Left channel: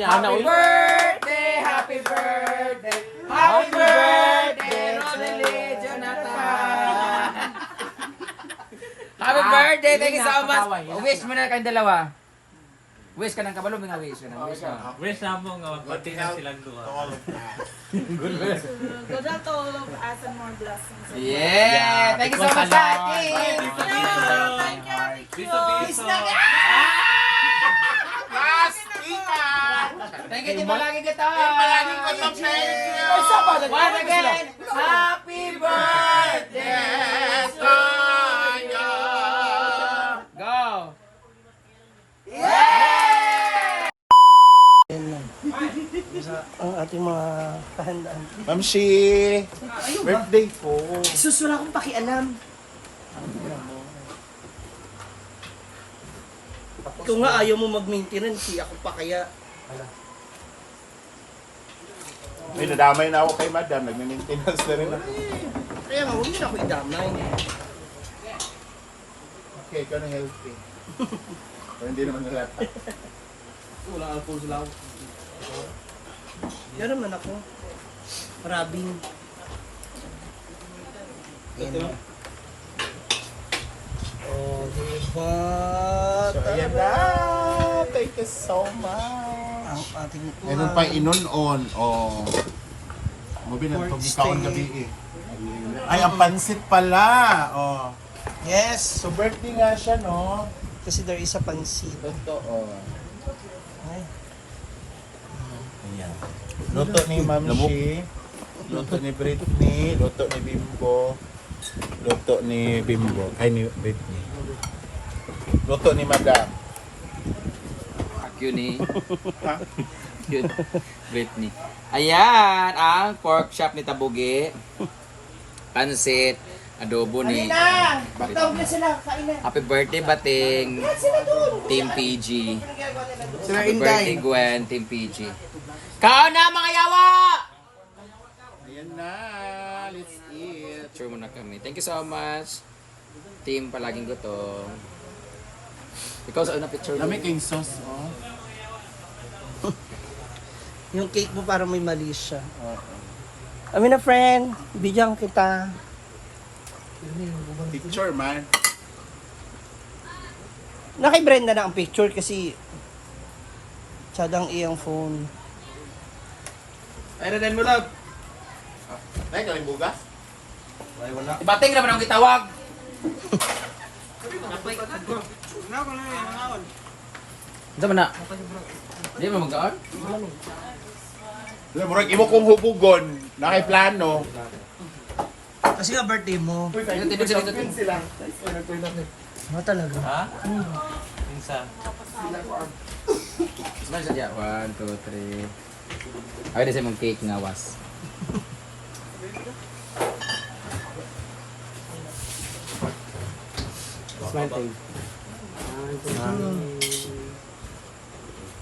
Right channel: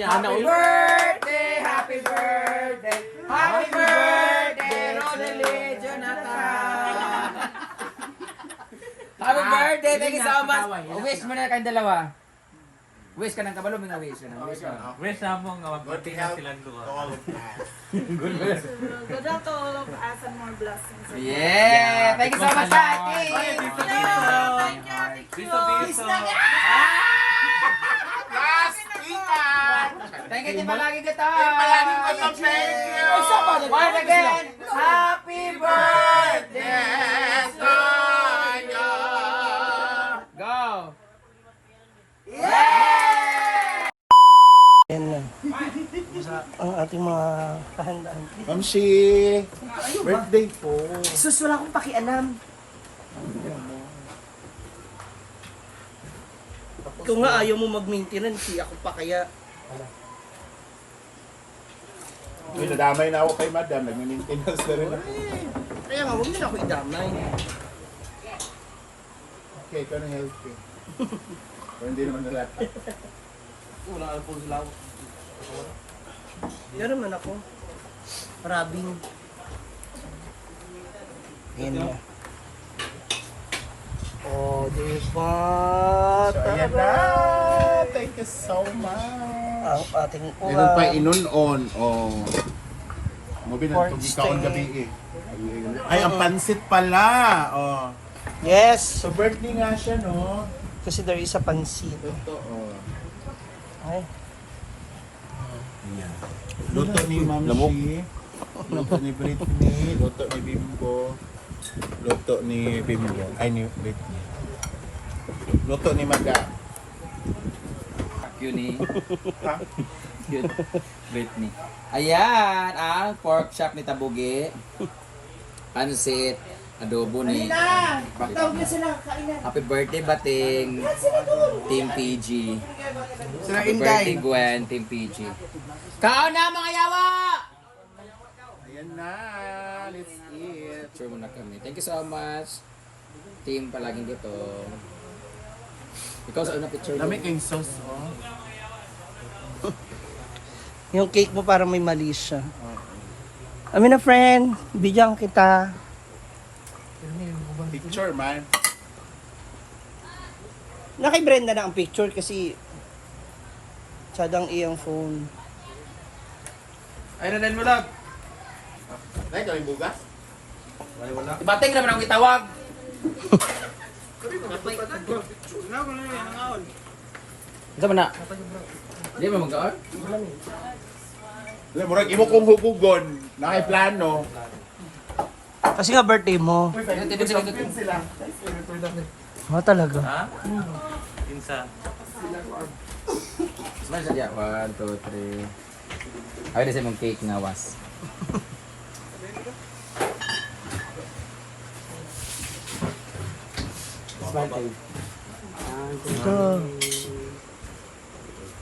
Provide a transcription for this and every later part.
Happy birthday, happy birthday, happy birthday, Rodelie Jonathan. Happy birthday, thank you so much. Wish mo na kayong dalawa. Wish ka ng kabalo, mga wish ka ng wish ka. Wish na mo nga magpati na silang duha. Good luck to all of us and more blessings. Yeah, thank you so much, Tati. Thank you. Biso. Thank you din palagi kita. Palagi ko yung thank you. Once again, happy birthday. Yes, Toyo. Go. Ang ating mga pahandaan. Mamshi, birthday po. Sus, wala akong pakialam. Ikaw nga ayaw mo mag-maintenance, ako pa kaya. Ay, nadamay na ako kay madam. Nagme-maintenance na rin ako. Kaya nga, huwag niyo na ako idamay. Okay, ikaw na healthy. Pero hindi naman nalata. Yan naman ako. Maraming. Yan. Oh, diba? So, ayan na. Thank you so much. Ang ating Meron pa inon-on. Oh. Mobi na Pork itong ikaon steak. gabi eh. Ay, ang pansit pala. Oh. Yes! So, birthday nga siya, no? Kasi there is a pansit. Oh. Ay. Ayan. Luto ni Mamshi. Luto ni Britney. Luto ni Bimbo. Luto ni Bimbo. Ay, ni Britney. Luto ni Madam. Yun eh. Ha? Yun. Britney. Ayan, ang pork chop ni Tabugi. Pansit. Adobo ni Tawag na sila, kailan. Happy birthday, Bating. Team PG. Sila Happy birthday, Gwen. Team PG. Kaon na, mga yawa! Ayan na. Let's eat. Picture muna kami. Thank you so much. Team palaging gutom. Ikaw sa una picture mo. Dami kayong sauce, oh. Yung cake mo parang may mali siya. Oo. Amin na friend, bigyan kita. Picture, man. Nakay Brenda na ang picture kasi tsadang iyang phone. Ay, rin mo lang. Ay, ito yung bugas? Bating naman ang itawag. Ito mo na. Hindi mo mag-aan? Murag imo kong hubugon. Nakaplano. Kasi nga birthday mo. Yan, tindig sila dito. Oh, talaga. Ha? Pinsan. Smile sa dyan. 1, 2, 3. Ayaw din sa mong cake nga was. Smile tayo. Ito.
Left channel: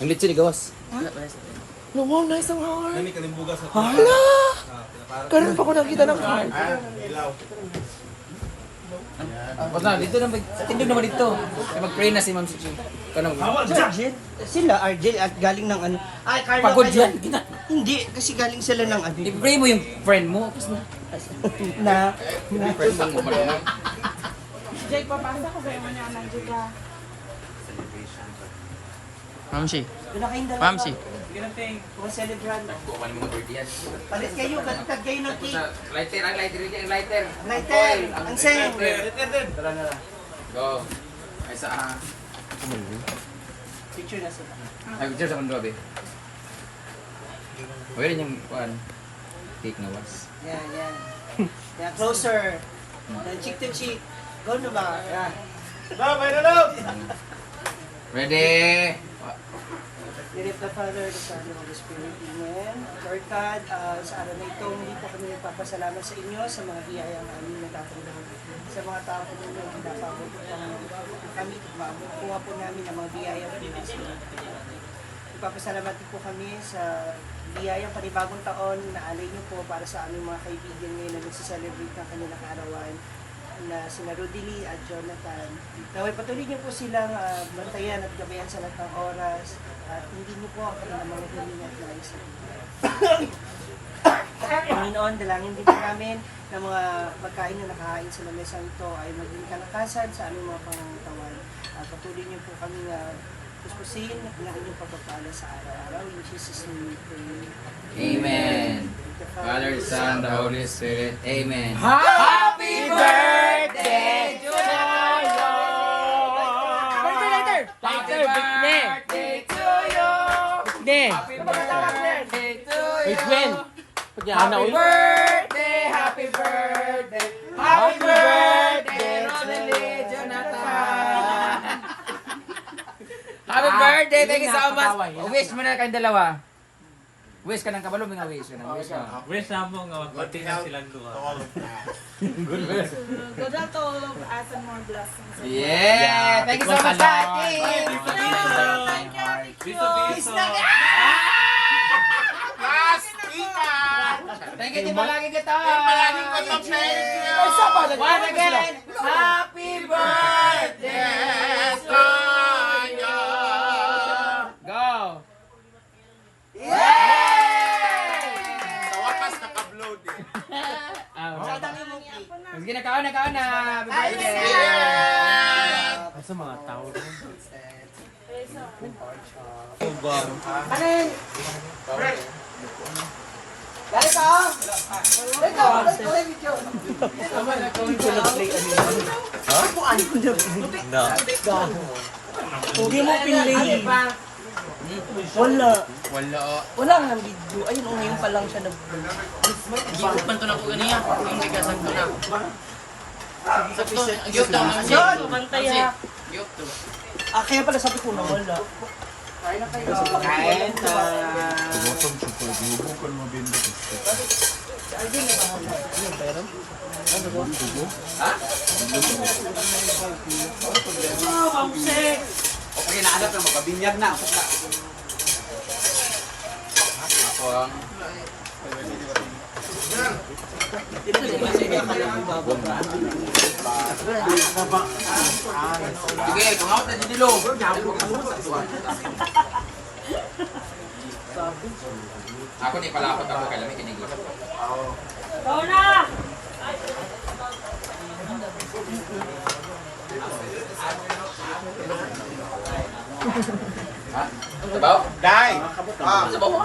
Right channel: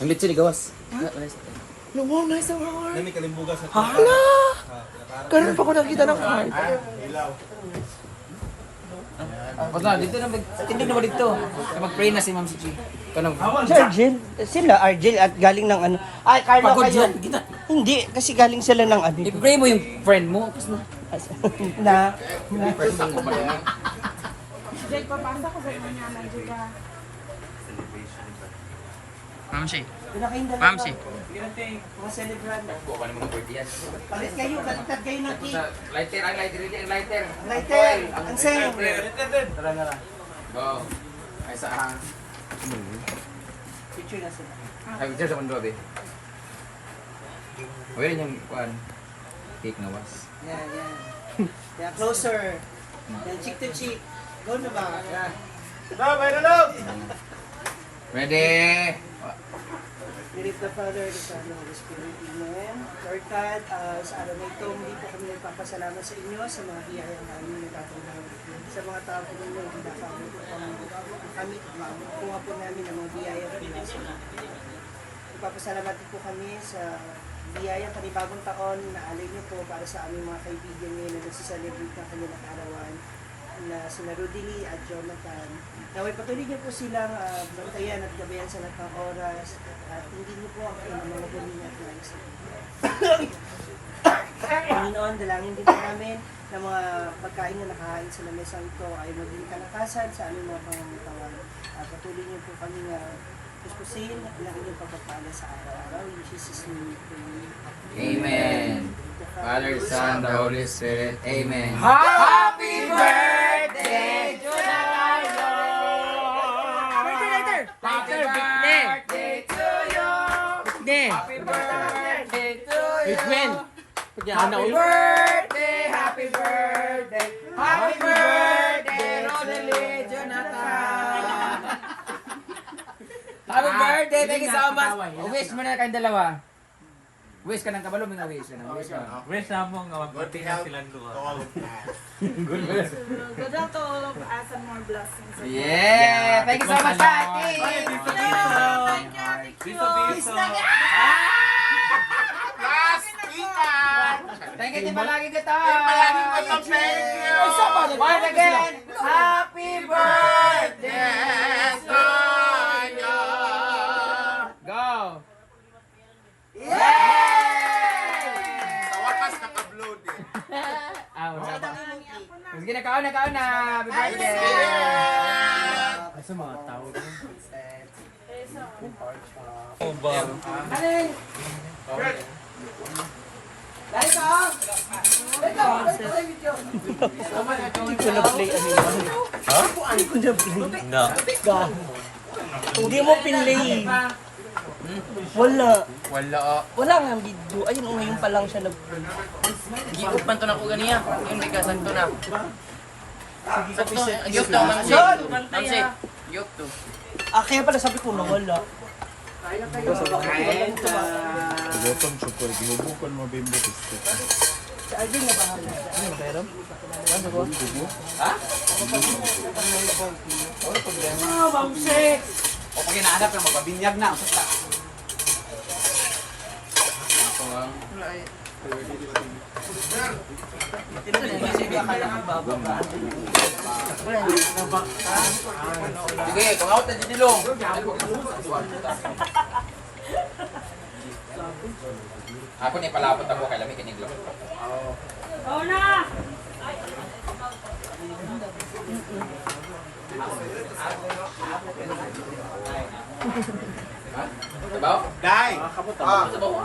Ang litsi ni gawas. Nami kalimbugas sa Hala! Karoon pa ko nakita ng heart. Ilaw. Huwag na, dito naman. Tindig naman dito. Mag-pray na si Ma'am Suchi. Ikaw naman. Argel? Sila, Argel at galing ng ano. Ay, Carla Pagod kayo. yan. Gina. Hindi, kasi galing sila ng ano. I-pray mo yung friend mo. Tapos na. Na, Friend mo pala. Jake, papasa ko sa mga naman, Jake. Ma'am Si. pinakain dalawa. Ma'am, si. Mga celebrant. Kuha ka ng mga birthday yan. Palit kayo, baliktad kayo ng cake. Lighter, ang lighter. Ang lighter. Lighter, ang seng. Tara na lang. Go. Ay sa Picture na sila. Ay, picture sa mundo, be. Huwag rin yung kuhan. Cake na was. Yan, yan. Yan, closer. Yan, cheek to cheek. Go na ba? Yan. Ready? Direct the Father, the Son, and the Spirit. Amen. Lord God, sa araw na ito, hindi po kami nagpapasalamat sa inyo sa mga biyayang aming natatanggap. Sa mga tao po ninyo, hindi nakabot po kami, kuha po namin ang mga biyaya mula sa inyo. Nagpapasalamat din po kami sa biyayang panibagong taon na alay niyo po para sa aming mga kaibigan ngayon na nagsiselebrate ng kanilang arawan. na sina Rodely at Jonathan. Naway patuloy niyo po silang bantayan at gabayan sa lahat ng oras at hindi niyo po ang kanilang mga huminga at nais na Panginoon, dalangin din po namin na mga pagkain na nakahain sa lamesang ito ay maging kalakasan sa aming mga pangangatawan. Patuloy niyo po kami puspusin na inyong pagpapala sa araw-araw. In Jesus' name we pray. Amen. Father, Son, the Holy Spirit. Amen. Happy birthday to you! Happy birthday to you! Happy birthday to you! Happy birthday! Happy birthday! Happy birthday, Rodely Jonathan! Happy birthday! Thank you so much! Wish mo na kayong dalawa. Wish ka ng kabalo, mga wish ka ng wish ka. Wish na mo nga Good magpati na health silang to duha. all of us. Good wish. Good health to all of us and more blessings. Yeah! Thank you so much, Tati! Thank you, Ate Q. Piso-piso. Last kita! Thank you, palagi kita! Palagi ko yung thank you! Once again, happy birthday! Yes, tayo! Go! Sa wakas naka-upload eh. Sige na, kaon na! Happy birthday! Asa mga tao doon? No. Hindi mo pinlay. Wala. Wala. Wala nga video. Ayun, ngayon pa lang siya Gikot man to na ko ganiya. Yung may kasagto na. Sakto. Ayok daw man si. Bantaya. Ayok to. Kaya pala sabi ko, wala. Kain. Gotong chokoy, gihubukan mo bimbo ko. Okay na anak na magkabinyag na. Ako ang... Sige, tungawat na didilong. Ako na ipalapot ako kay Lami kinigil. Sabaw? Dai! Sabaw ko.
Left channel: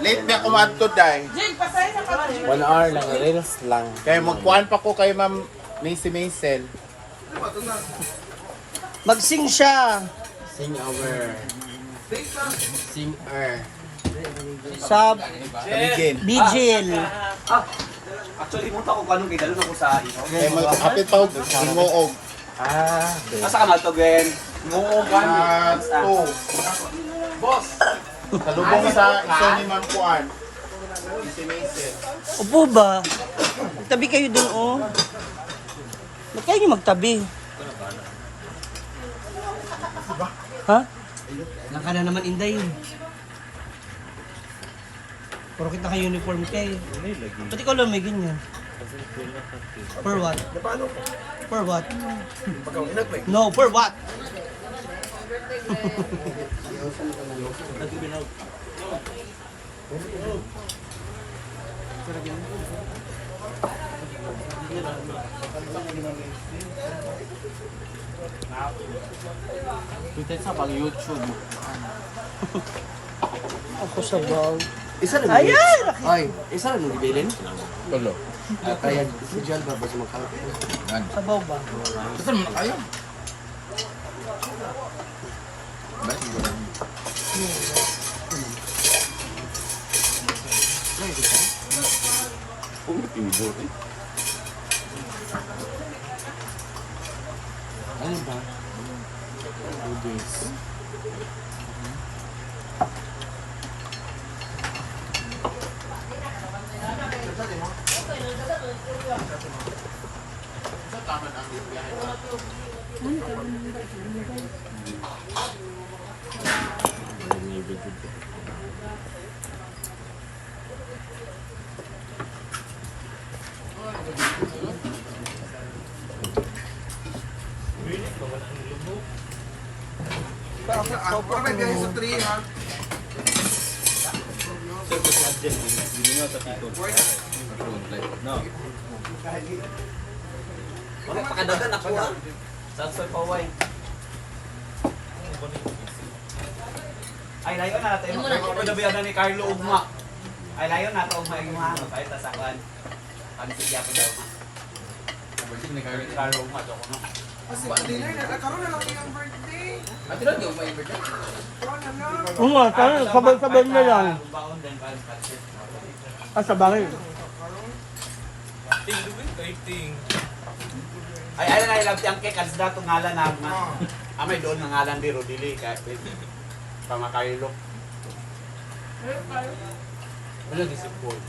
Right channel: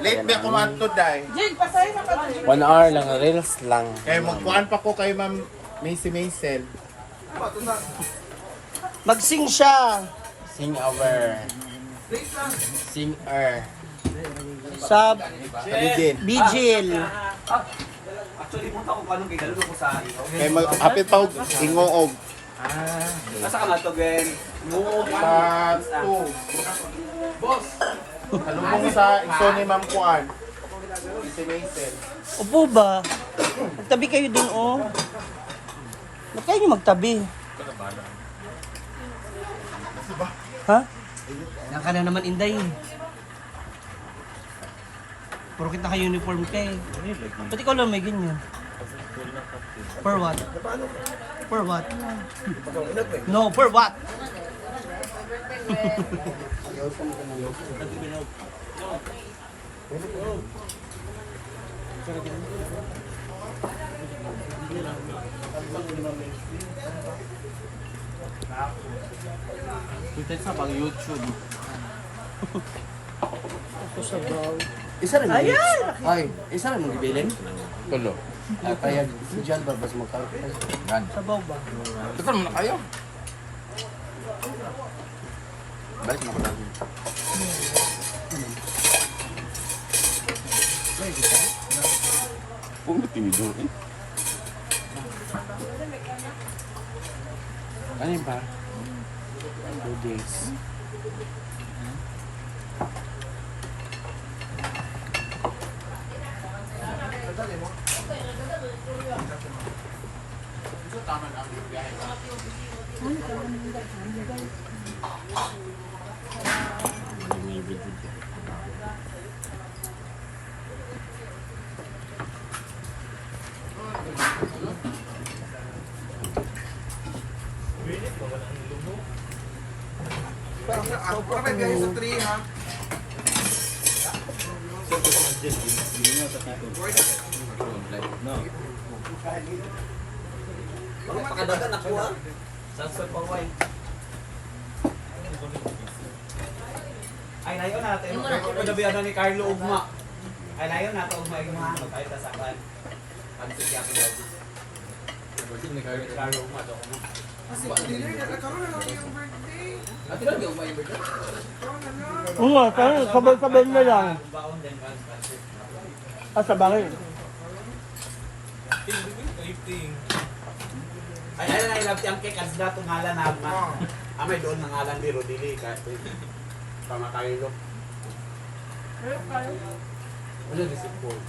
Late ba ako maadto, Dai? 1 hour lang, reels lang. Kaya magkuhan pa ko kay Ma'am Macy Maisel. Mag-sing siya. Sing over. Sing Sa Kabigin. Vigil. Kaya hapit pa og gingoog. Asa ka na to, Gwen? At 2. Boss! Salubong sa iso ni Ma'am Kuan. Macy Maisel. Upo ba? Magtabi kayo dun, oh. Ba't kayo nyo magtabi? Ha? Naka na naman, Inday. Puro kita ka-uniform kay. Ba't ikaw lang may ganyan? For what? For what? No, for what? Kita sa pag YouTube. Ako sa wow. Isa rin mo. Ay, isa rin mo gibilin? Kaya si Jalba ba sa magkalapit? Sa boba. Gusto mo kayo? Ano ba? 2 days. guys sa 3 ha. Pakadagan ako ah. Sa paway. Ay, layo natin. Ako nabiyan ni Carlo Ugma. Ay, layo natin Ugma yung mga ano. Kahit tasakan. Ang sigyakin daw ma. Carlo Ugma. Kasi dinner na, nagkaroon na lang yung birthday. Ate lang, yung may birthday. Oo, sabay-sabay na lang. Baon din, guys. Sa bahay. Ay, ay, ay, love ang cake. As dato ngalan na ma. Amay doon ng ngalan di Rodili. Kahit pamakailo. Wala di si Paul.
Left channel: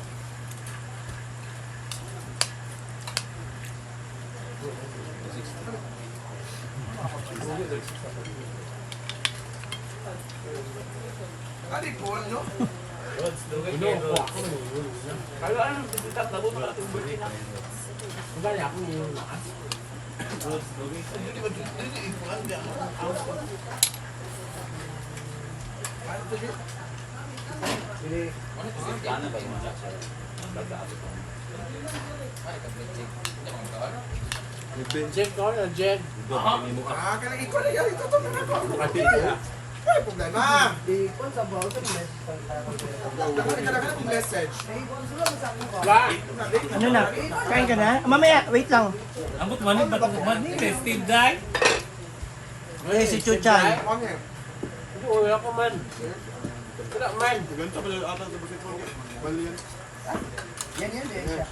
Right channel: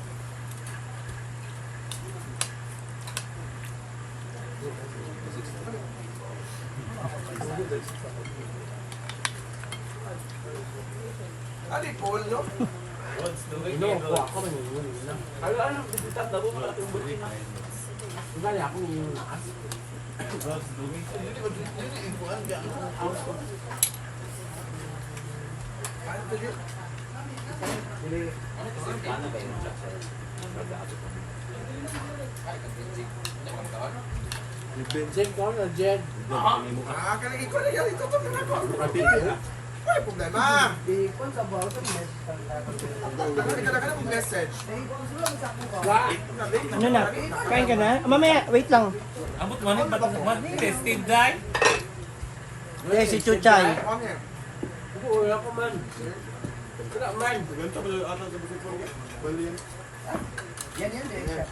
Ano yung Paul, no? Ako na. Kaya ano, bibitat na buka itong birthday na. Ugali ako yung lakas. Hindi ba dito yung ipuan ka? Ano to dito? Ano ba yung mga siya? Jen ko na, Jen. Kalagay ko na yan. Ito to na ako. Wala problema. Dagdagan ng message. Ano na? Kain ka na? Mamaya, wait lang. Ambot man, tested guy. Eh, si Chuchan. Okay. Wala ko man. Wala man. Ganito ba yung atang sa bakit mo? Bali yan. Yan, siya.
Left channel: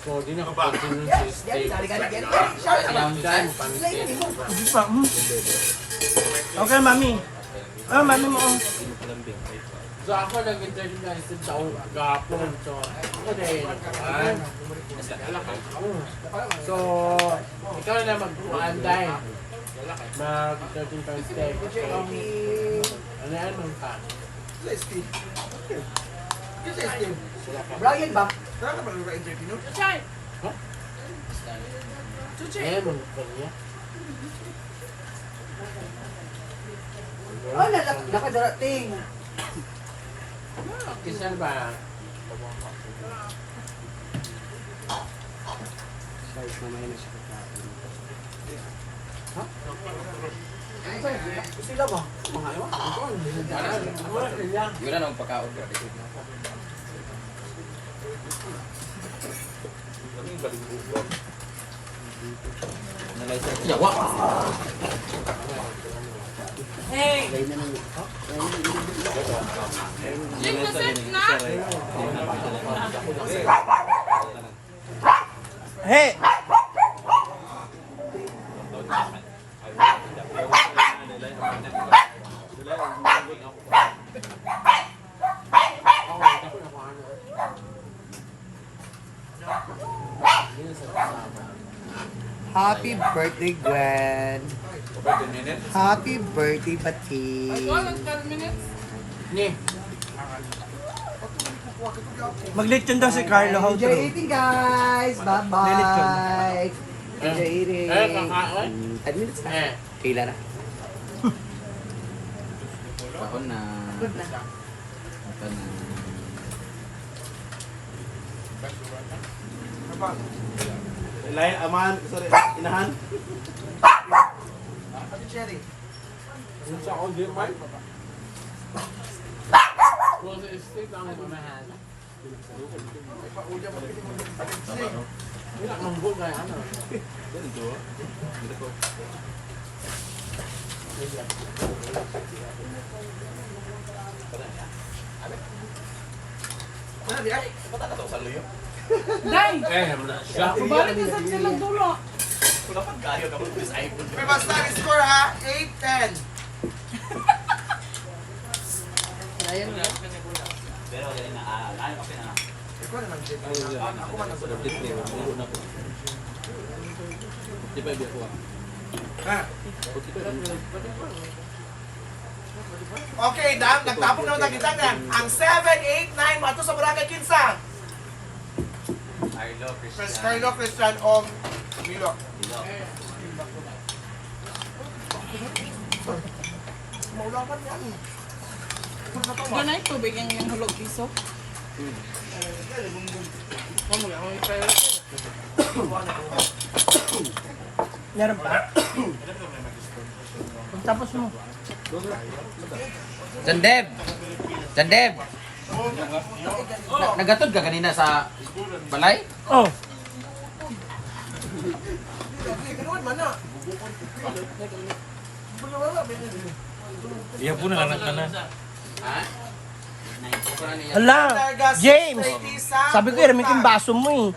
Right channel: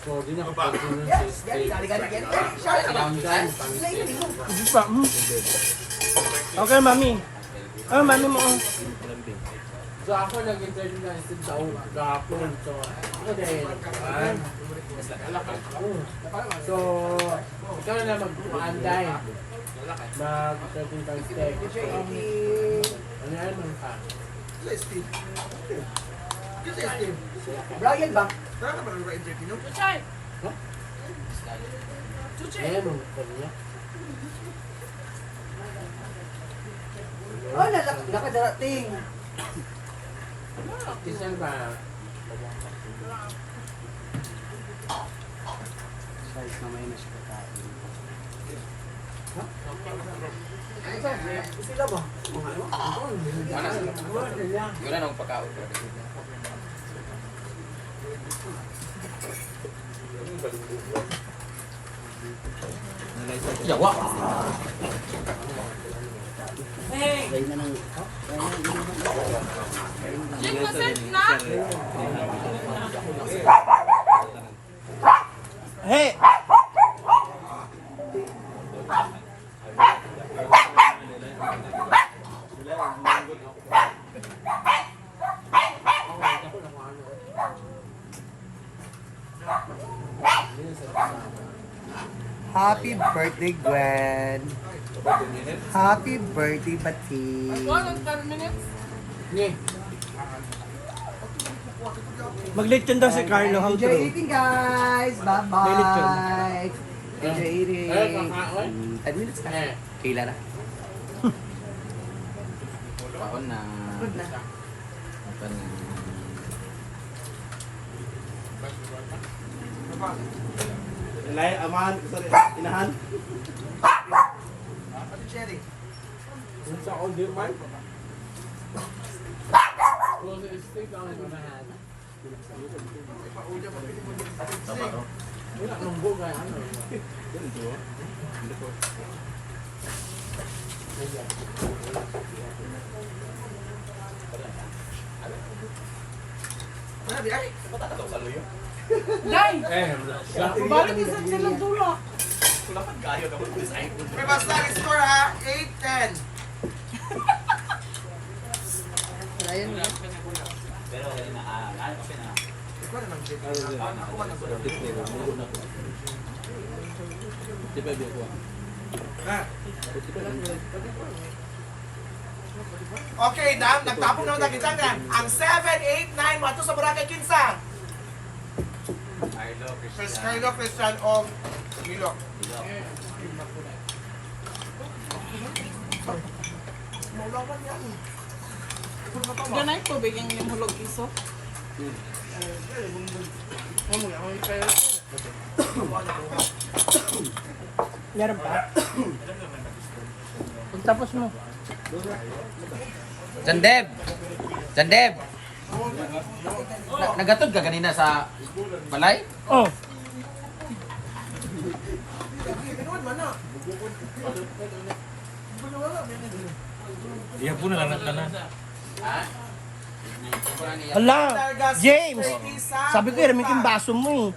So, di na kapag sa steak. Ang dime, Okay, mami. Ano, mami mo? So, ako nag-interview na isang taong gapon. So, ako dahil, so, ikaw na mag-uanday. Mag-13 pound steak. Ano yan mo ka? Sa Steve. Sa Steve. Brian ba? Tara ka ba ng interview, no? Eh, mo ka niya. Oh, nakadarating. Kisan ba? Guys, mamaya na siya kakain. Sila ba? Mga ewan? Yun na nung pagkaon. Yawa! Hey! Happy birthday, Gwen! Happy birthday, Pati! Ni. Mag-lechon daw si Carlo. Enjoy eating, guys! Bye-bye! Enjoy eating! Kakain? 10 minutes na. Eh. Kailan na? Ako na. Good na. Ako na. Lay, aman, sorry, inahan. Ate Cherry. Kung sa ako di man. Kung sa steak ang mamahan. Ay, pauja mo pili mo dito sa Steve. Wala kang bugay. Ano? Ano di ay? Eh, wala siya. Balik ko sa silang dulo. May basta ang score ha. 8-10. Pero galing na, okay na. Ikaw naman, Jake. Ako man ako. Okay, dam, nagtapong naman na kita na. Ang 7, 8, 9, mato sa Boracay Kinsa. Carlo, Christian, o Milo. Ganay tubig yung hulog iso. Meron pa. Tapos mo. Sandeb! Sandeb! Nagatod ka kanina sa balay? Oh. Iya po na lang na. Hala, James! Sabi ko, iramin ko yung baso mo eh.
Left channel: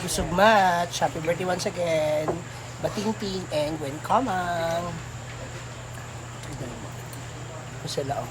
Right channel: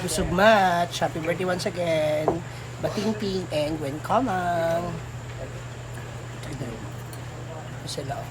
Busog match. Happy birthday once again. Batingting and Gwen Kamang. Tignan mo. Ito sila. Oh.